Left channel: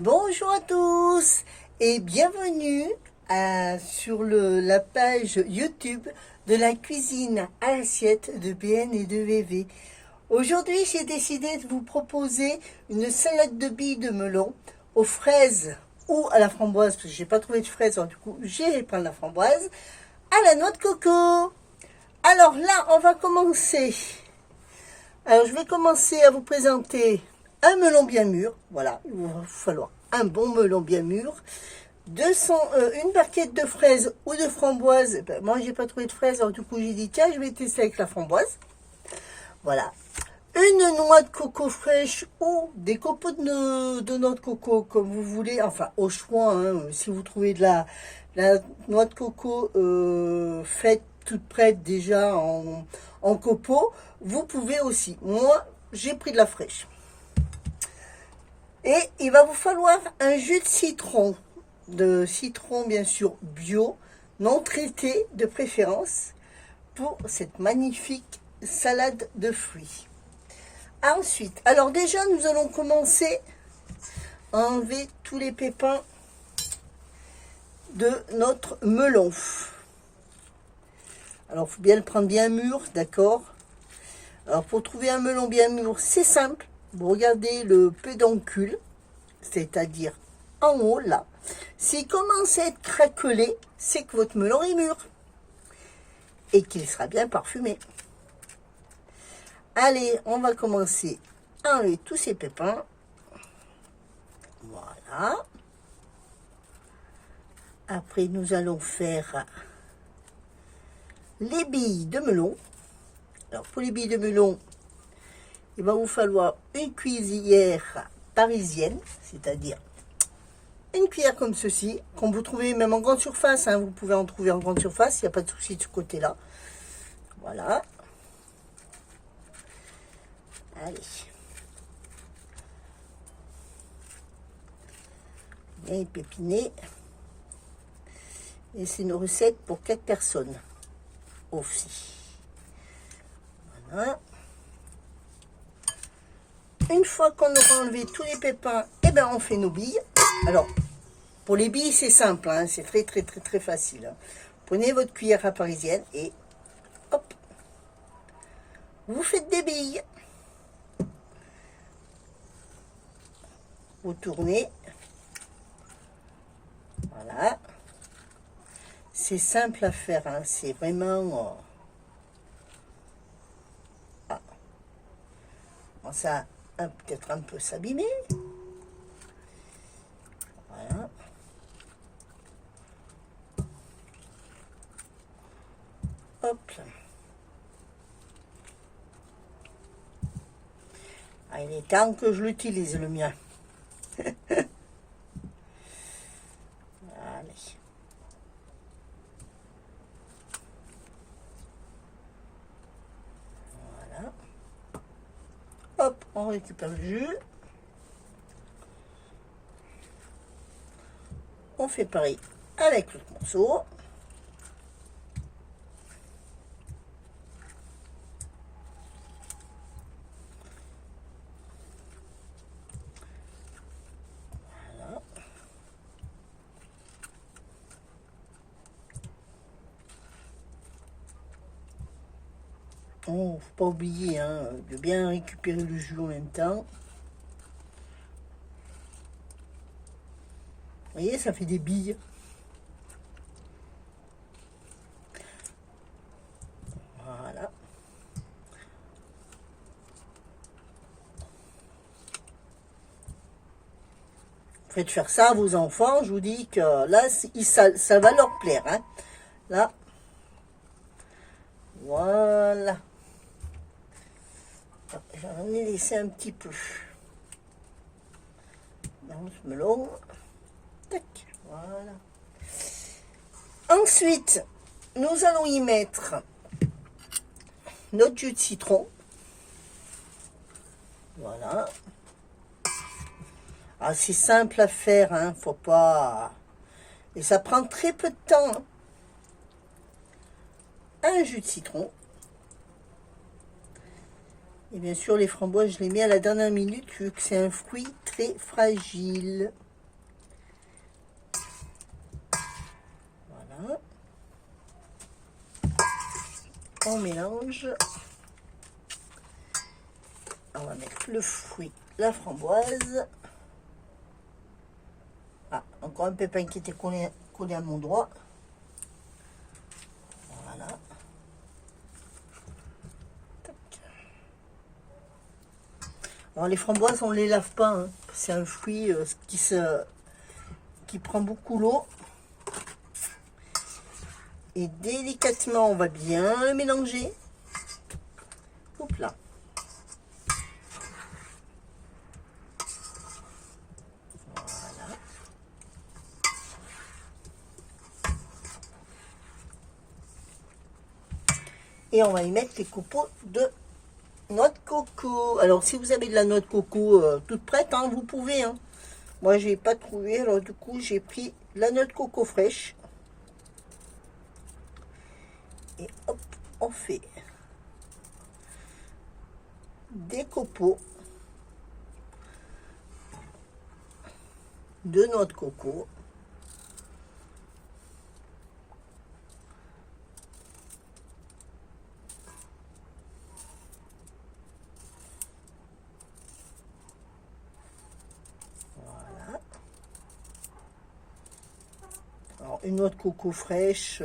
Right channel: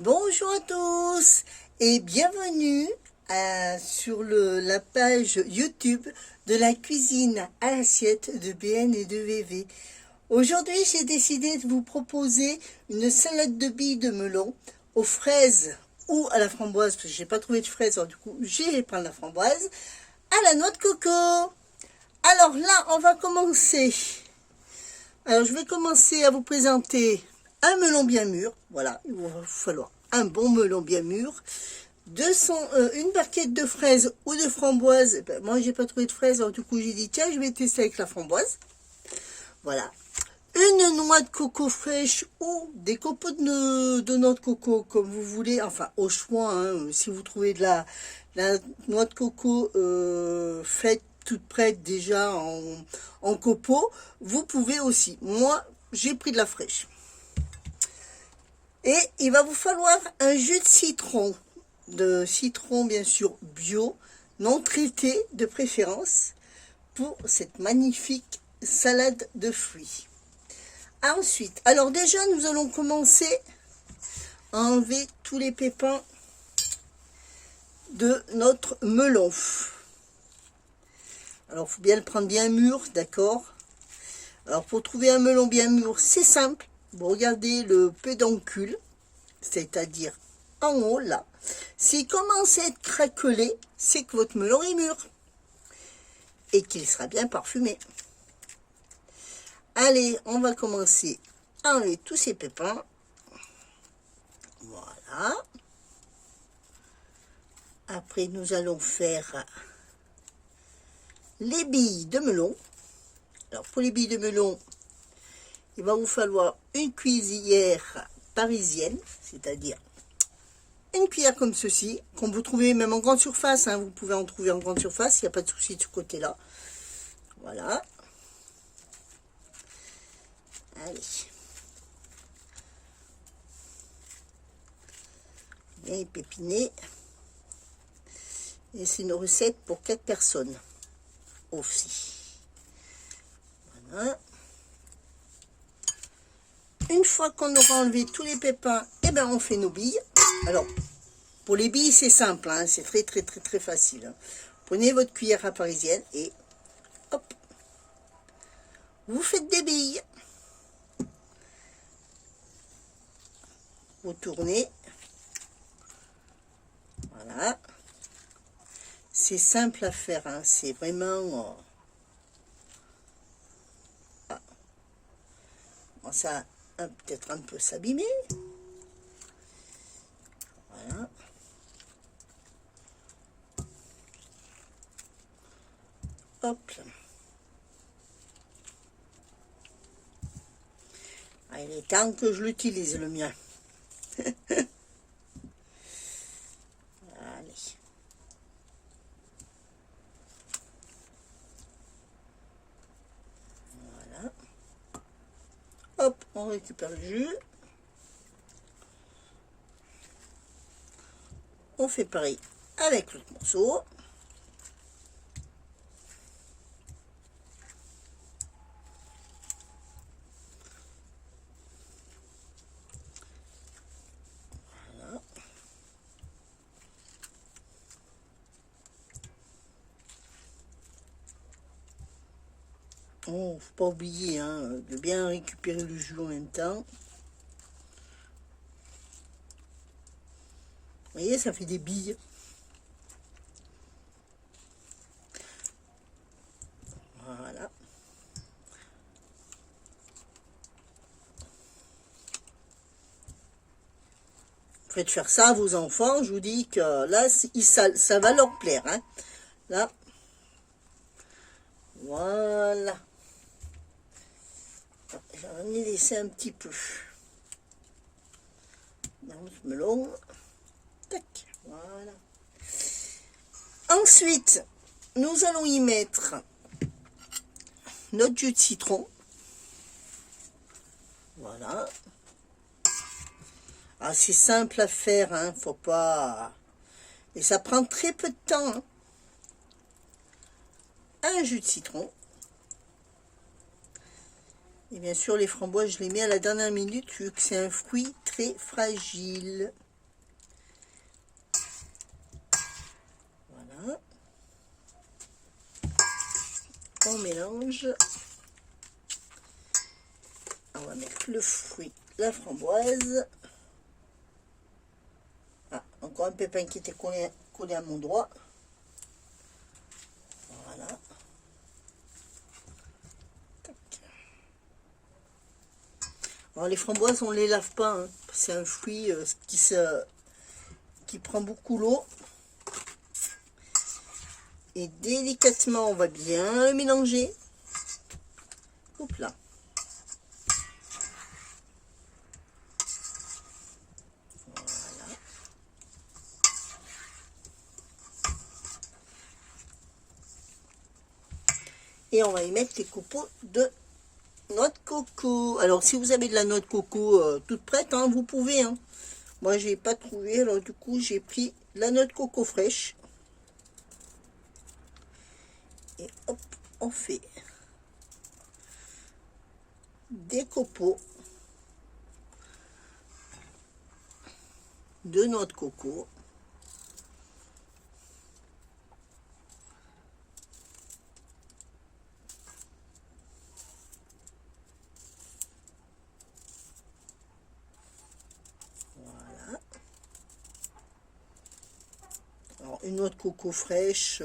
Bonjour à tous et bienvenue sur la page YouTube de la cuisine à l'assiette de BN et de VV. Aujourd'hui, j'ai décidé de vous proposer une salade de billes de melon aux fraises ou à la framboise, parce que j'ai pas trouvé de fraises, alors du coup, j'ai prendre la framboise, à la noix de coco. Alors là, on va commencer. Alors, je vais commencer à vous présenter un melon bien mûr. Voilà, il va falloir un bon melon bien mûr. Une barquette de fraises ou de framboises. Ben, moi, j'ai pas trouvé de fraises, alors du coup, j'ai dit, tiens, je vais tester avec la framboise. Voilà. Une noix de coco fraîche ou des copeaux de noix de coco, comme vous voulez. Enfin, au choix, hein, si vous trouvez de la noix de coco faite toute prête déjà en copeaux, vous pouvez aussi. Moi, j'ai pris de la fraîche. Et il va vous falloir un jus de citron bien sûr bio, non traité de préférence, pour cette magnifique salade de fruits. Ensuite, alors déjà nous allons commencer à enlever tous les pépins de notre melon. Alors il faut bien le prendre bien mûr, d'accord. Alors pour trouver un melon bien mûr, c'est simple. Vous regardez le pédoncule, c'est-à-dire en haut là. S'il commence à être craquelé, c'est que votre melon est mûr et qu'il sera bien parfumé. Allez, on va commencer à enlever tous ces pépins. Voilà. Après, nous allons faire les billes de melon. Alors, pour les billes de melon, il va vous falloir une cuillère parisienne, c'est-à-dire une cuillère comme ceci, qu'on vous trouvez même en grande surface, hein, vous pouvez en trouver en grande surface, il n'y a pas de souci de ce côté-là. Voilà. Allez. Bien épiné. Et c'est une recette pour 4 personnes aussi. Voilà. Une fois qu'on aura enlevé tous les pépins, eh ben on fait nos billes. Alors, pour les billes, c'est simple, hein, c'est très facile. Hein. Prenez votre cuillère à parisienne et hop, vous faites des billes. Vous tournez. Voilà. C'est simple à faire, hein, c'est vraiment... ça peut-être un peu s'abîmer. Voilà. Hop. Ah, il est temps que je l'utilise, le mien. Allez. Voilà. Hop, on récupère le jus. On fait pareil avec l'autre morceau. Voilà. Oh, faut pas oublier hein, de bien récupérer le jus en même temps. Vous voyez, ça fait des billes. Voilà. Faites faire ça à vos enfants, je vous dis que là, ça va leur plaire. Hein. Là. Voilà. J'en ai laissé un petit peu. Dans ce melon. Tac. Voilà. Ensuite, nous allons y mettre notre jus de citron. Voilà. Ah, c'est simple à faire, hein, faut pas... Et ça prend très peu de temps. Hein. Un jus de citron. Et bien sûr, les framboises, je les mets à la dernière minute, vu que c'est un fruit très fragile. on mélange. On va mettre le fruit, la framboise. Ah, encore un pépin qui était collé à mon doigt. Voilà. Tac. Alors les framboises, on ne les lave pas, hein. C'est un fruit qui prend beaucoup l'eau. Et délicatement, on va bien le mélanger. Hop là. Voilà. Et on va y mettre les copeaux de noix de coco. Alors, si vous avez de la noix de coco toute prête, hein, vous pouvez. Hein. Moi, j'ai pas trouvé, alors du coup, j'ai pris la noix de coco fraîche. Et hop, on fait des copeaux de noix de coco. Voilà. Alors, une noix de coco fraîche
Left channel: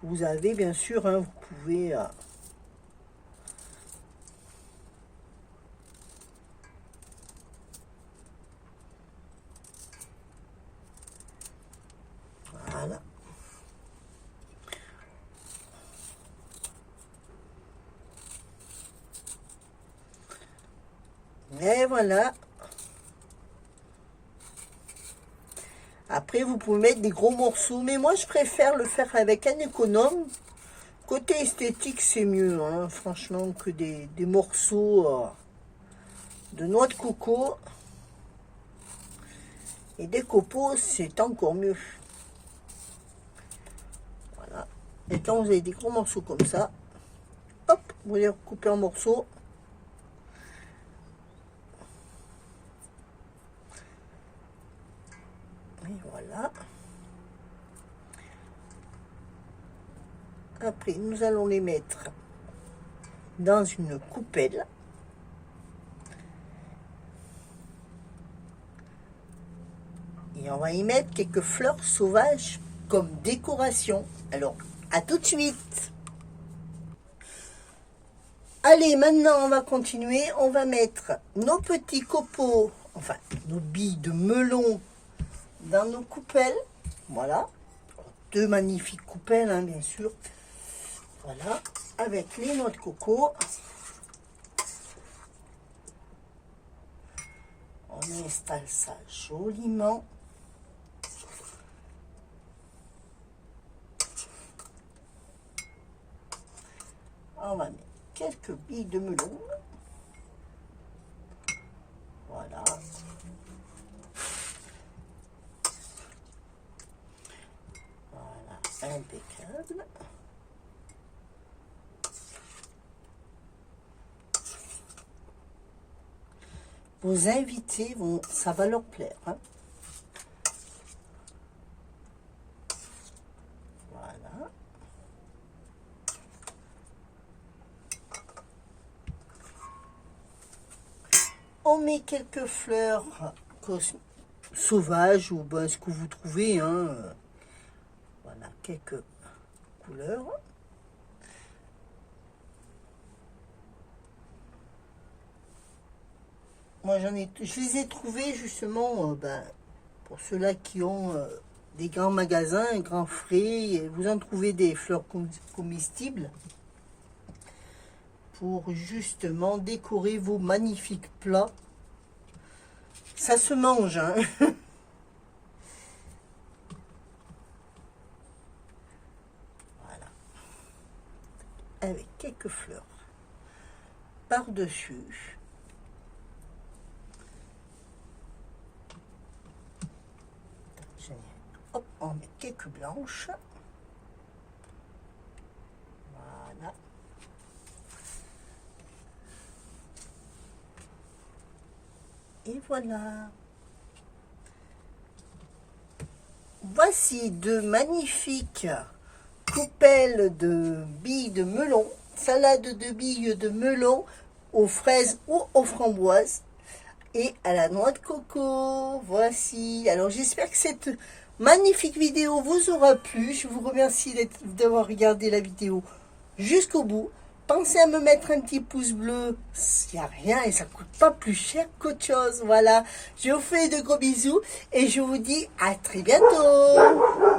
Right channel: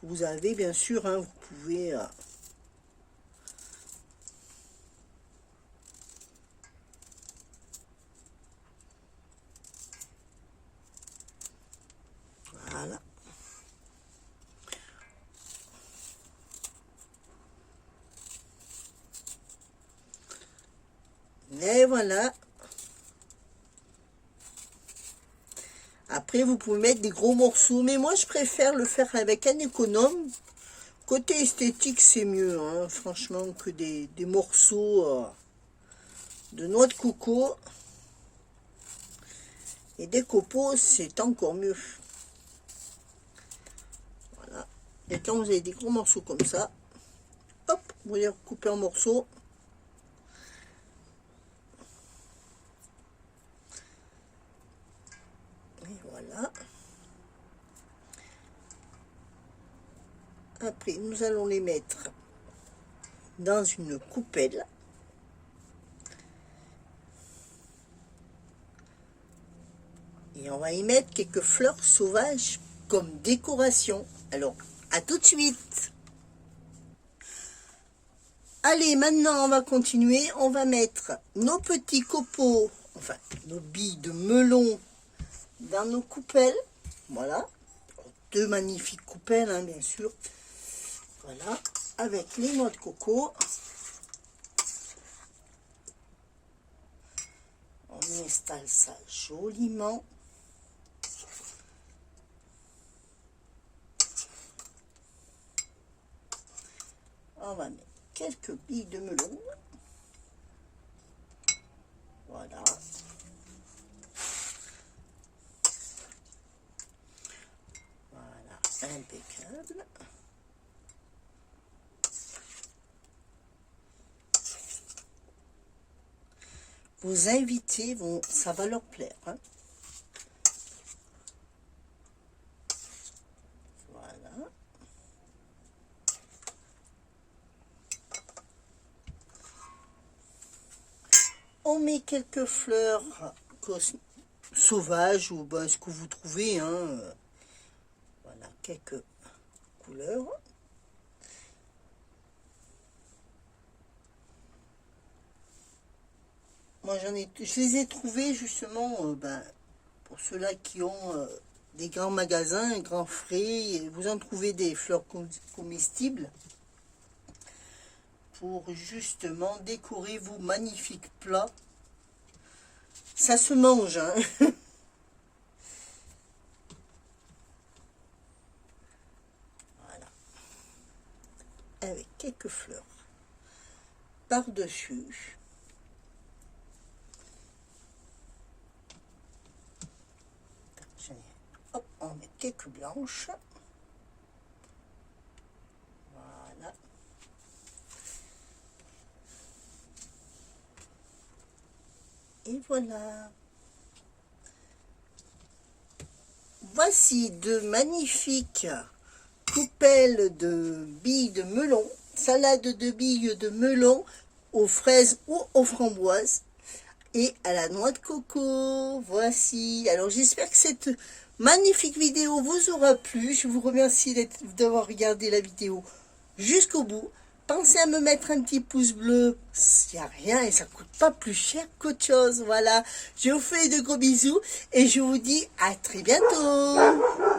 que vous avez, bien sûr, hein, vous pouvez... Voilà. Et voilà. Après, vous pouvez mettre des gros morceaux. Mais moi, je préfère le faire avec un économe. Côté esthétique, c'est mieux, hein, franchement, que des morceaux de noix de coco. Et des copeaux, c'est encore mieux. Voilà. Et quand vous avez des gros morceaux comme ça, hop, vous les recoupez en morceaux. Et voilà. Après, nous allons les mettre dans une coupelle. Et on va y mettre quelques fleurs sauvages comme décoration. Alors, à tout de suite. Allez, maintenant, on va continuer. On va mettre nos petits copeaux, enfin, nos billes de melon dans nos coupelles. Voilà. Deux magnifiques coupelles, hein, bien sûr. Voilà. Avec les noix de coco. On installe ça joliment. On va mettre quelques billes de melon. Voilà. Voilà, impeccable. Vos invités, ça va leur plaire. Hein. Voilà. On met quelques fleurs sauvages ou ben, ce que vous trouvez. Hein. Voilà, quelques couleurs. Moi, je les ai trouvés justement ben, pour ceux-là qui ont des grands magasins, grands frais. Et vous en trouvez des fleurs comestibles pour justement décorer vos magnifiques plats. Ça se mange, hein. Voilà. Avec quelques fleurs par-dessus. Hop, on met quelques blanches. Voilà. Et voilà. Voici de magnifiques coupelle de billes de melon, salade de billes de melon aux fraises ou aux framboises et à la noix de coco. Voici. Alors j'espère que cette magnifique vidéo vous aura plu. Je vous remercie d'avoir regardé la vidéo jusqu'au bout. Pensez à me mettre un petit pouce bleu, il n'y a rien et ça ne coûte pas plus cher qu'autre chose. Voilà, je vous fais de gros bisous et je vous dis à très bientôt.